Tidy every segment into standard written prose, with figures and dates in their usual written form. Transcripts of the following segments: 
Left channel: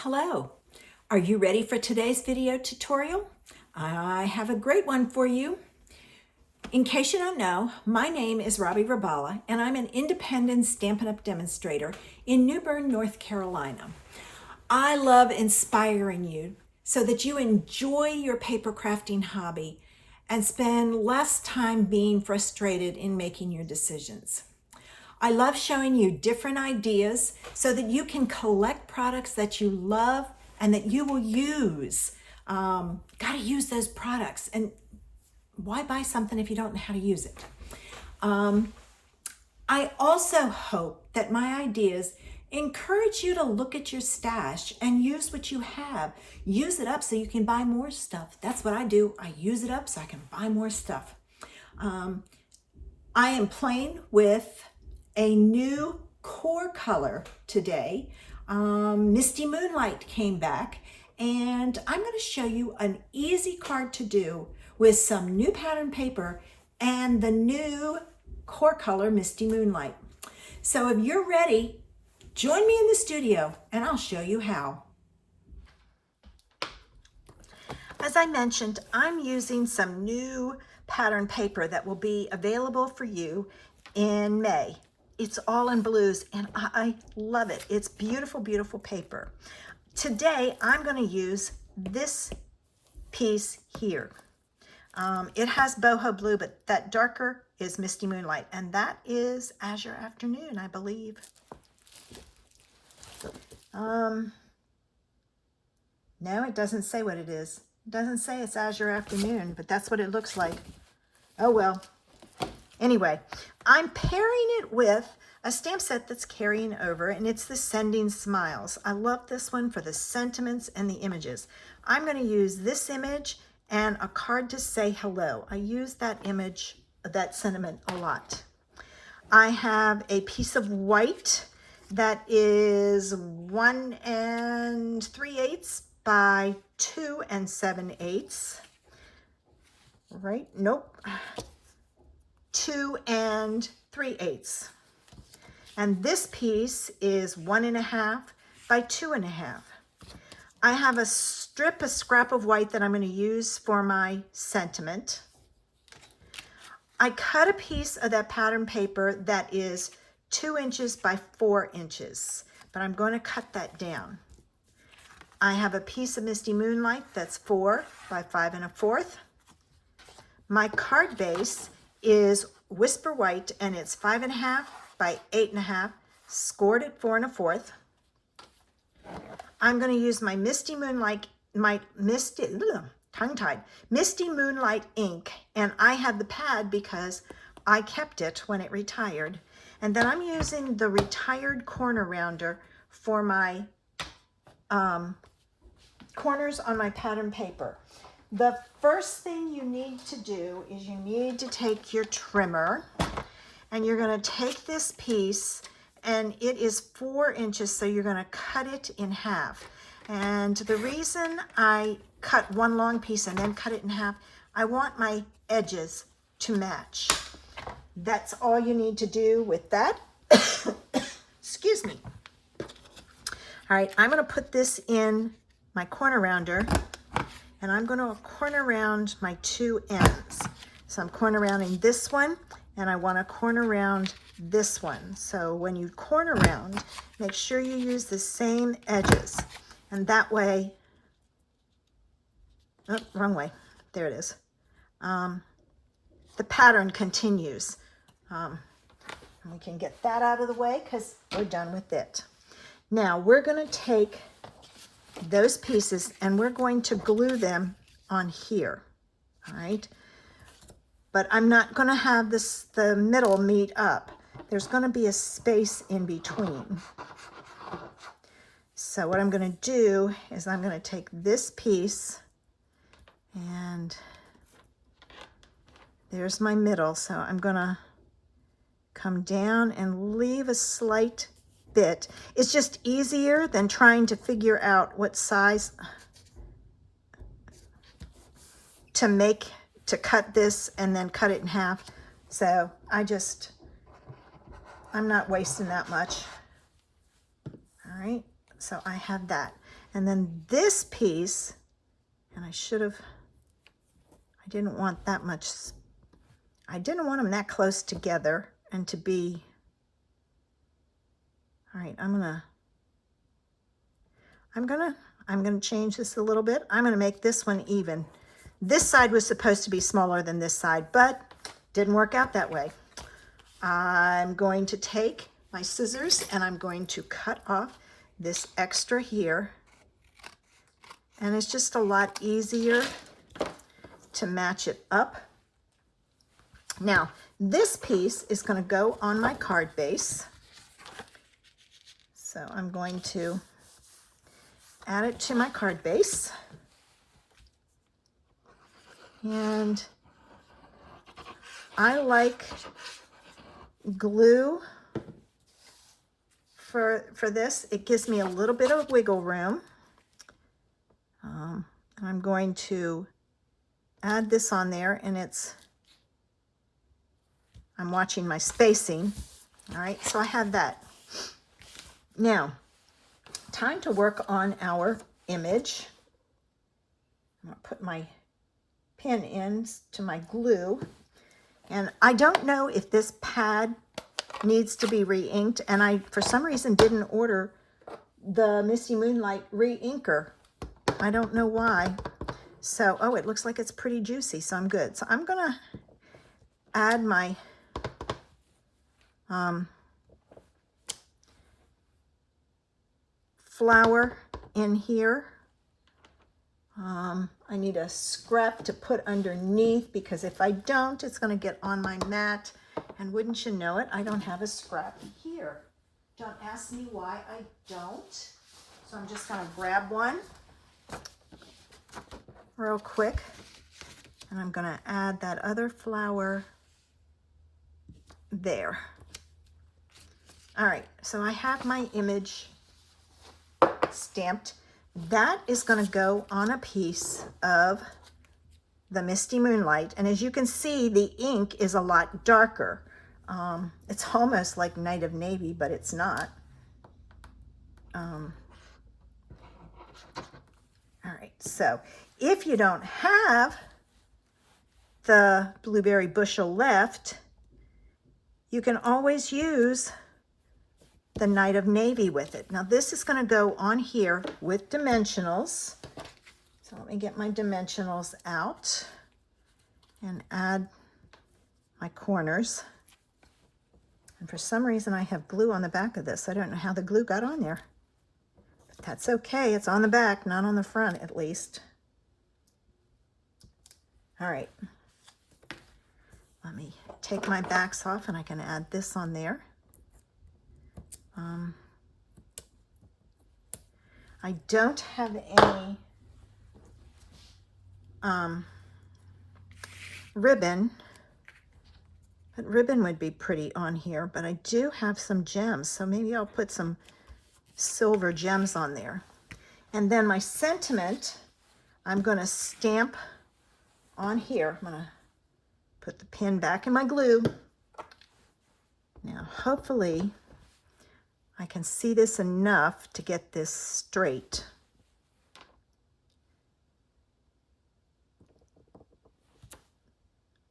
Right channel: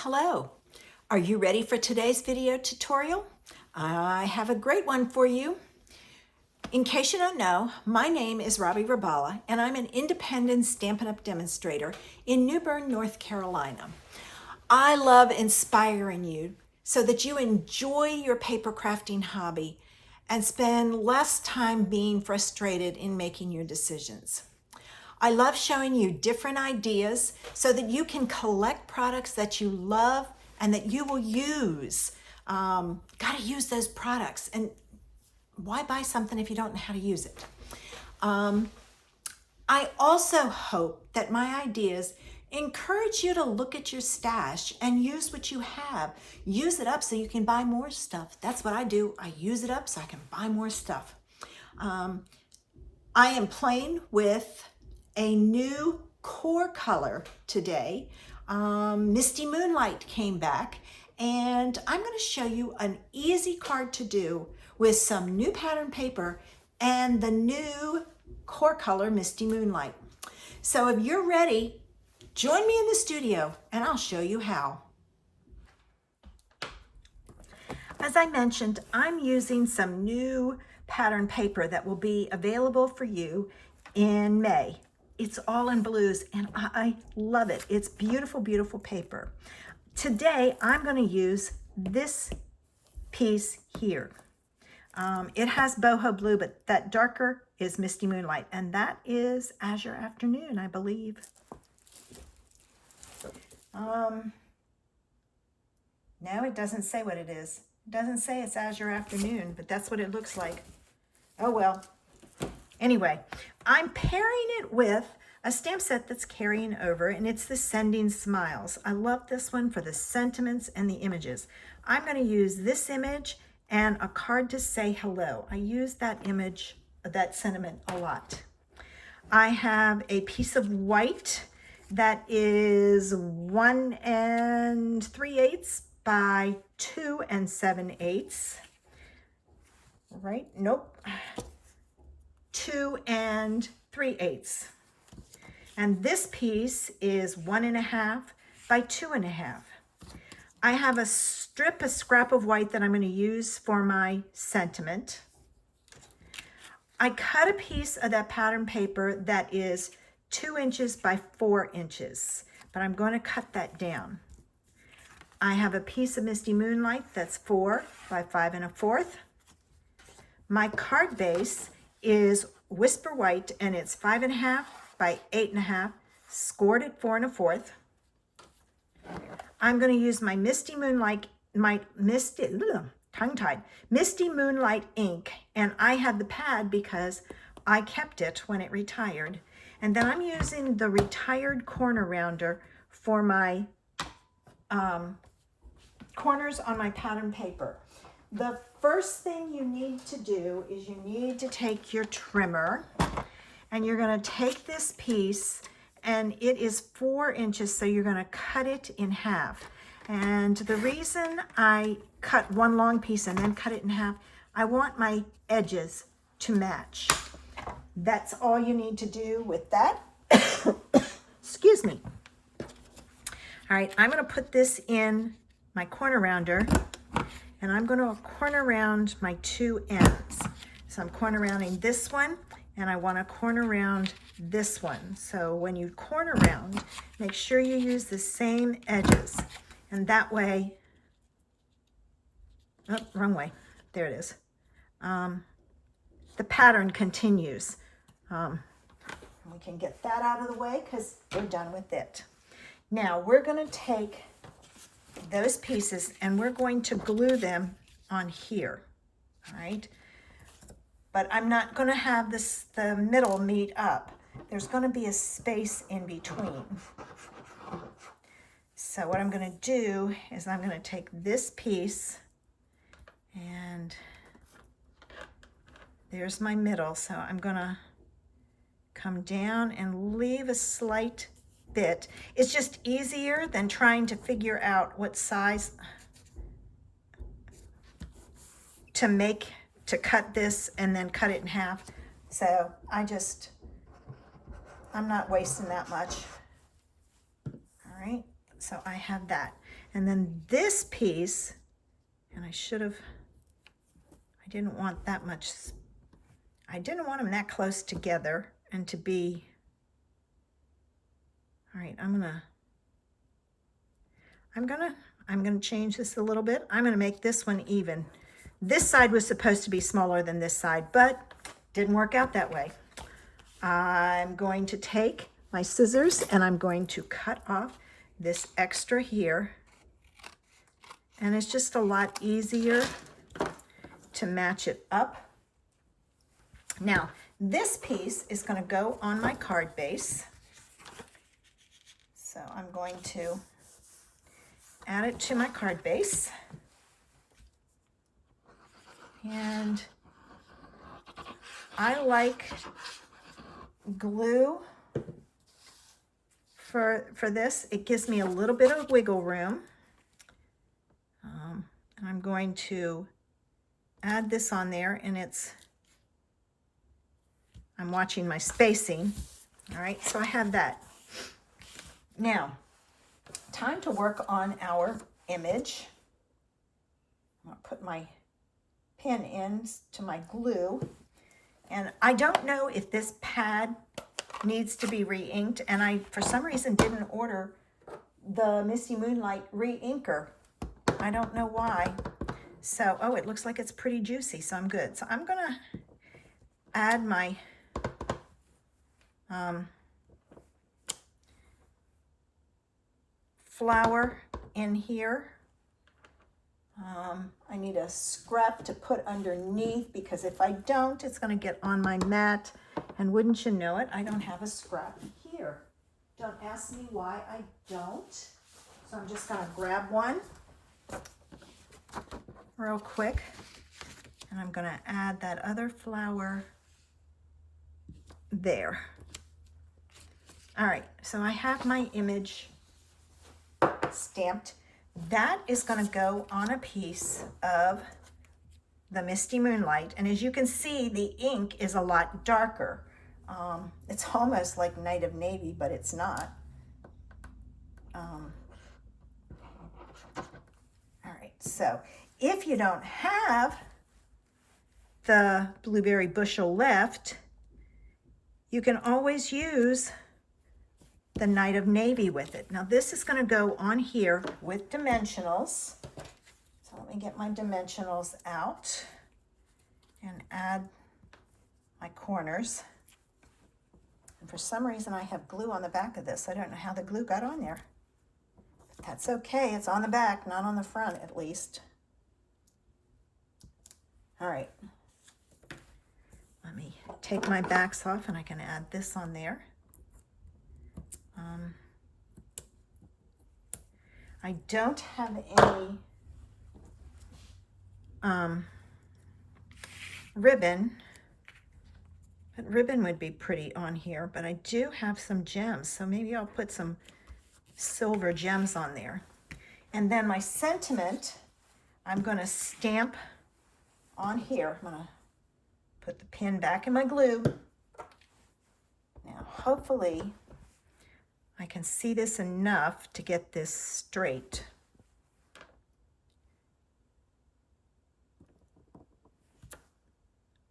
Hello, are you ready for today's video tutorial? I have a great one for you. In case you don't know, my name is Robbie Rabala and I'm an independent Stampin' Up! Demonstrator in New Bern, North Carolina. I love inspiring you so that you enjoy your paper crafting hobby and spend less time being frustrated in making your decisions. I love showing you different ideas so that you can collect products that you love and that you will use. Gotta use those products, and why buy something if you don't know how to use it? I also hope that my ideas encourage you to look at your stash and use what you have. Use it up so you can buy more stuff. That's what I do. I use it up so I can buy more stuff. I am playing with a new core color today. Misty Moonlight came back, and I'm going to show you an easy card to do with some new pattern paper and the new core color Misty Moonlight. So if you're ready, join me in the studio and I'll show you how. As I mentioned, I'm using some new pattern paper that will be available for you in May. It's all in blues and I love it. It's beautiful, beautiful paper. Today, I'm going to use this piece here. It has boho blue, but that darker is Misty Moonlight, and that is Azure Afternoon, I believe. No, it doesn't say what it is. It doesn't say it's Azure Afternoon, but that's what it looks like. Oh well. Anyway, I'm pairing it with a stamp set that's carrying over, and it's the Sending Smiles. I love this one for the sentiments and the images. I'm going to use this image and a card to say hello. I use that image, that sentiment a lot. I have a piece of white that is 1 3/8 by 2 7/8. Right? Nope. 2 3/8. And this piece is 1 1/2 by 2 1/2. I have a scrap of white that I'm going to use for my sentiment. I cut a piece of that pattern paper that is 2 inches by 4 inches, but I'm going to cut that down. I have a piece of Misty Moonlight that's 4 by 5 1/4. My card base is Whisper White, and it's 5 1/2 by 8 1/2, scored at 4 1/4. I'm going to use my Misty Moonlight, Misty Moonlight ink, and I have the pad because I kept it when it retired. And then I'm using the retired corner rounder for my corners on my pattern paper. The first thing you need to do is you need to take your trimmer, and you're going to take this piece, and it is 4 inches, so you're going to cut it in half. And the reason I cut one long piece and then cut it in half, I want my edges to match. That's all you need to do with that. Excuse me. All right, I'm going to put this in my corner rounder, and I'm going to corner round my 2 ends. So I'm corner rounding this one, and I want to corner round this one. So when you corner round, make sure you use the same edges. And that way, oh, wrong way. There it is. The pattern continues. We can get that out of the way because we're done with it. Now we're going to take those pieces and we're going to glue them on here. All right. But I'm not going to have the middle meet up. There's going to be a space in between. So what I'm going to do is I'm going to take this piece, and there's my middle. So I'm going to come down and leave a slight bit. It's just easier than trying to figure out what size to cut this and then cut it in half. So I'm not wasting that much. All right, so I have that. And then this piece, and I didn't want that much, I didn't want them that close together and to be, all right, I'm gonna change this a little bit. I'm gonna make this one even. This side was supposed to be smaller than this side, but didn't work out that way. I'm going to take my scissors and I'm going to cut off this extra here. And it's just a lot easier to match it up. Now, this piece is going to go on my card base. So I'm going to add it to my card base. And I like glue for this. It gives me a little bit of wiggle room. And I'm going to add this on there, and I'm watching my spacing. All right, so I have that. Now, time to work on our image. I'm going to put my pin in to my glue. And I don't know if this pad needs to be re-inked, and I, for some reason, didn't order the Misty Moonlight re-inker. I don't know why. So, oh, it looks like it's pretty juicy, so I'm good. So I'm going to add my flower in here. I need a scrap to put underneath, because if I don't, it's going to get on my mat. And wouldn't you know it, I don't have a scrap here. Don't ask me why I don't. So I'm just going to grab one real quick, and I'm going to add that other flower there. All right, so I have my image stamped. That is going to go on a piece of the Misty Moonlight, and as you can see, the ink is a lot darker. It's almost like Night of Navy, but it's not. All right, so if you don't have the blueberry bushel left, you can always use the Night of Navy with it. Now this is going to go on here with dimensionals. So let me get my dimensionals out and add my corners. And for some reason I have glue on the back of this. I don't know how the glue got on there. But that's okay. It's on the back, not on the front at least. All right. Let me take my backs off and I can add this on there. I don't have any ribbon, but ribbon would be pretty on here, but I do have some gems, so maybe I'll put some silver gems on there. And then my sentiment, I'm going to stamp on here. I'm going to put the pin back in my glue. Now, hopefully, I can see this enough to get this straight.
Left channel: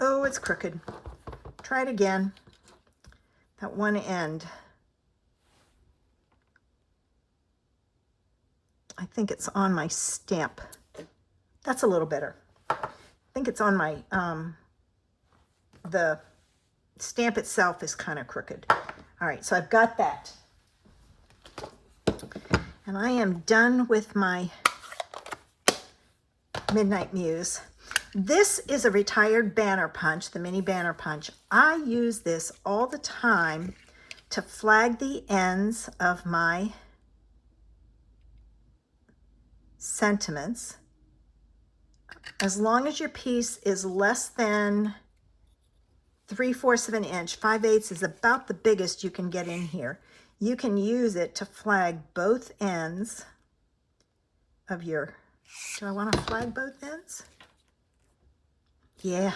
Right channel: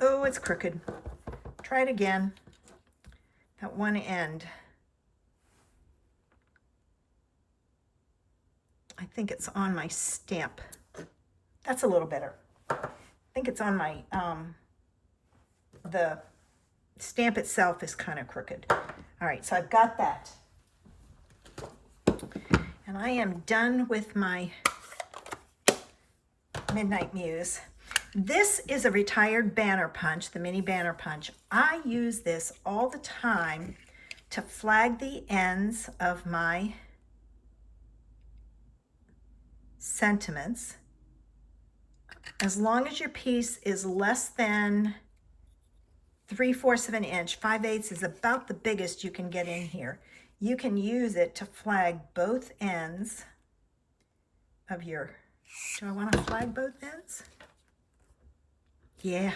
Oh, it's crooked. Try it again. That one end. I think it's on my stamp. That's a little better. I think it's on my, the stamp itself is kind of crooked. All right, so I've got that. And I am done with my Midnight Muse. This is a retired banner punch, the mini banner punch. I use this all the time to flag the ends of my sentiments. As long as your piece is less than 3/4 of an inch, 5/8 is about the biggest you can get in here. You can use it to flag both ends of your, do I want to flag both ends? Yeah,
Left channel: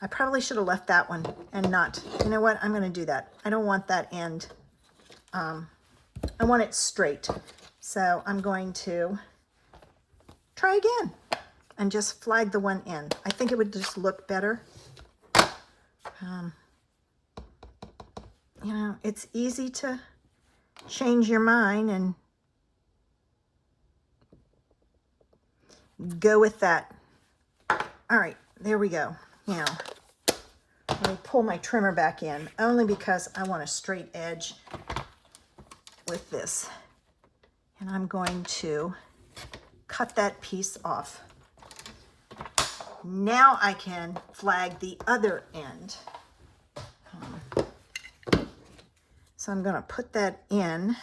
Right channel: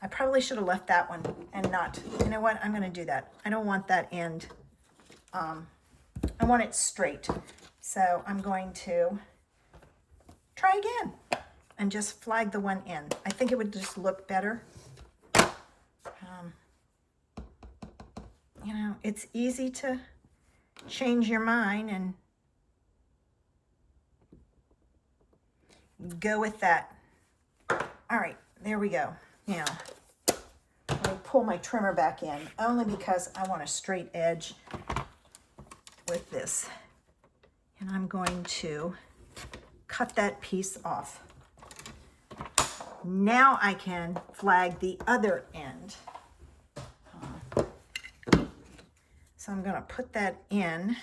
I probably should have left that one and not, you know what, I'm going to do that. I don't want that end, I want it straight. So I'm going to try again and just flag the one end. I think it would just look better. You know, it's easy to change your mind and go with that. All right, there we go. Now, let me pull my trimmer back in, only because I want a straight edge with this. And I'm going to cut that piece off. Now I can flag the other end. So I'm going to put that in.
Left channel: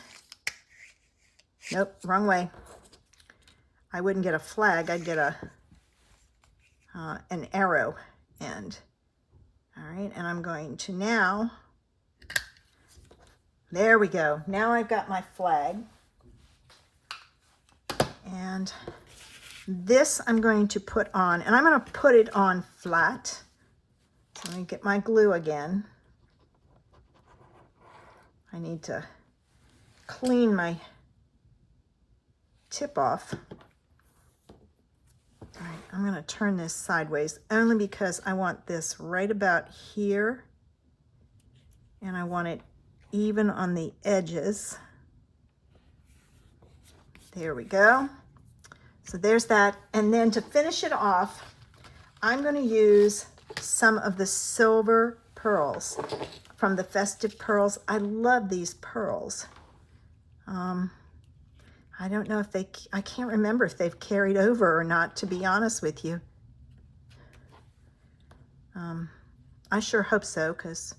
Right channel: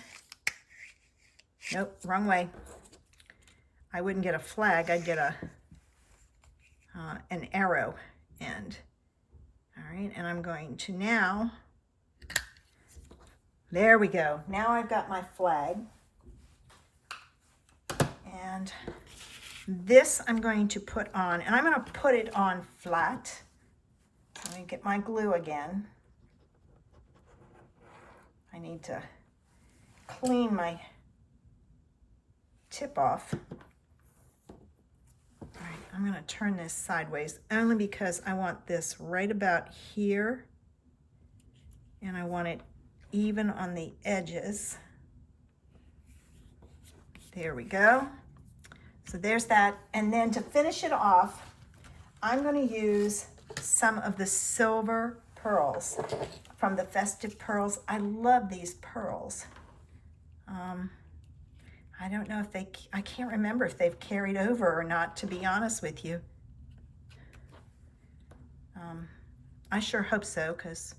Nope, wrong way. I wouldn't get a flag, I'd get a an arrow end. All right, and I'm going to now, there we go. Now I've got my flag. And this I'm going to put on, and I'm going to put it on flat. Let me get my glue again. I need to clean my tip off. All right, I'm going to turn this sideways only because I want this right about here, and I want it even on the edges. There we go. So there's that. And then to finish it off, I'm going to use some of the silver pearls from the Festive Pearls. I love these pearls. I don't know if I can't remember if they've carried over or not, to be honest with you. I sure hope so, because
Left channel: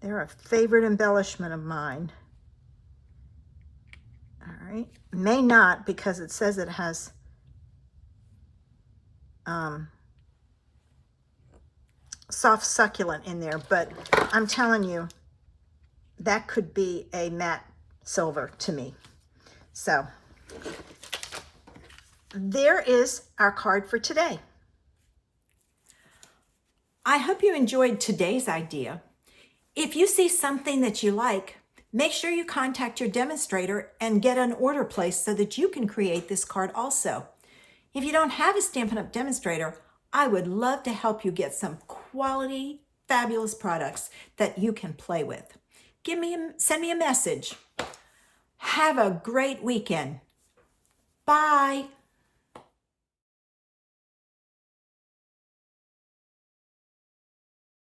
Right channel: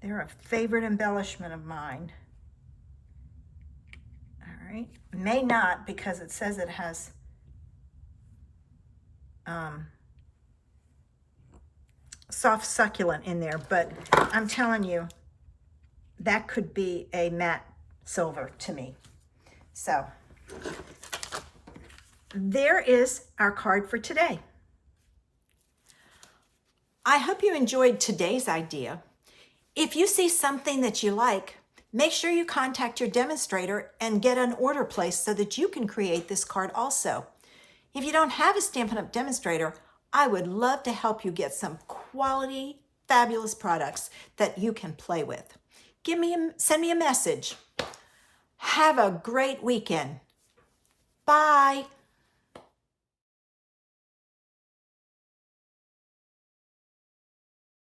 they're a favorite embellishment of mine. All right, may not, because it says it has soft succulent in there, but I'm telling you, that could be a matte silver to me. So there is our card for today. I hope you enjoyed today's idea. If you see something that you like, make sure you contact your demonstrator and get an order placed so that you can create this card also. If you don't have a Stampin' Up! Demonstrator, I would love to help you get some quality, fabulous products that you can play with. Send me a message. Have a great weekend. Bye.